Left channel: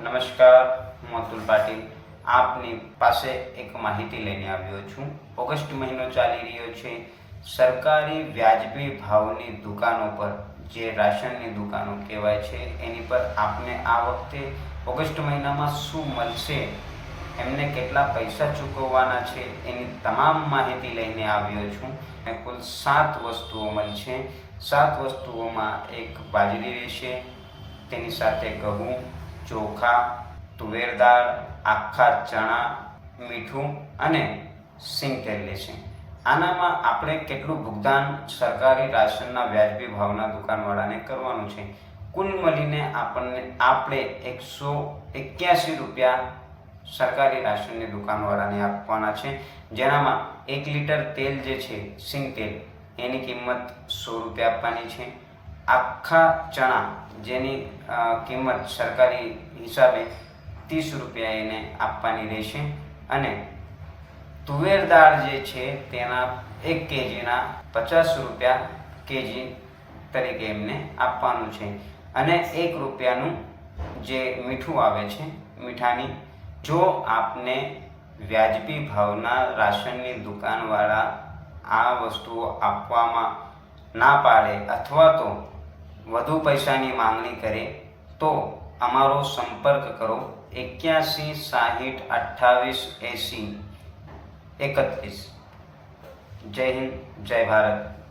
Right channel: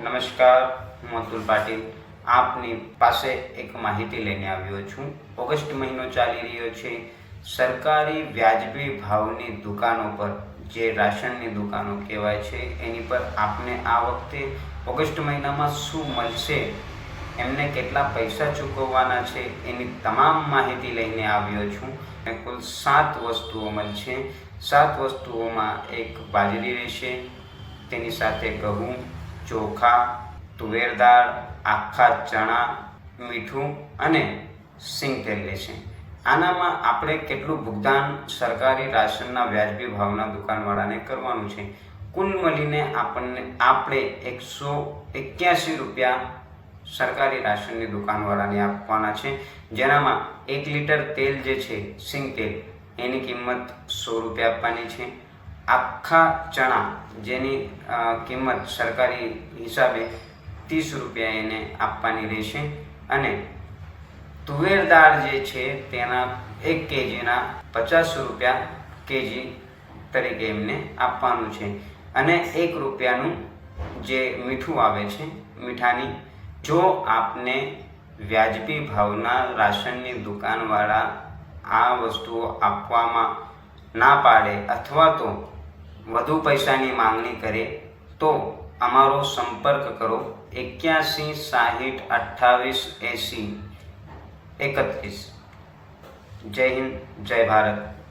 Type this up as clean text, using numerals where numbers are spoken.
નમસ્કાર, હું અતુલ પાટીલ આપની પાસે એક માહિતી લઈને આવ્યો છું। ઓગસ્ટ મહિનો ચાલી રહ્યો છે। સરકારી વ્યાજબી ભાવની દુકાનો પર, જે રાશનની દુકાનો કહેવાય છે, એની પર આપને આ વખતે ઓગસ્ટ મહિનામાં શું મળશે, એમને કેટલા પૈસા ચૂકવવાના છે, એની તમામ માહિતી લઈને આવ્યો છું। કુલ 7 વસ્તુઓ મળશે। 7 વસ્તુઓમાં એક બાજરી રહેશે, તેની સાથે ઘઉં, ચોખા, તુવેર દાળ, આખા ચણા, મીઠું અને સિંગ તેલ રહેશે। આનામાં આપણે કેટલું ભુગતાન સરકારી રાશનના વ્યાજબી ભાવના દુકાનવાળાને કરવાનું છે, કુલ મળીને આપણે 181 રૂપિયા સરકારી રાશનની દુકાનવાળાને આપવાના છે। જેનામાં 1 લીટર તેલ જે છે, સિંગ તેલ, એની કિંમત 100 રૂપિયા આપવાની છે। આખા ચણા, જેની કિંમત સરકારી હિસાબે 30 રૂપિયા એને આપવાની રહેશે। અને તુવેર દાળ જે છે, તેના 1 કેજીના 50 રૂપિયા કેજી તરીકે એમને આપવાનું છે। અને 1 રૂપિયાનું જે મીઠું આવે છે, મીઠાની, જો આપને વ્યાજબી ભાવના રાશનની દુકાનવાળા આ વસ્તુઓ આપવામાં ના પાડે અથવા તો વધુ પૈસાની માંગણી કરે તો અમારો સંપર્ક કરો 81 60 28 80 31। જય હિન્દ, જય ભારત।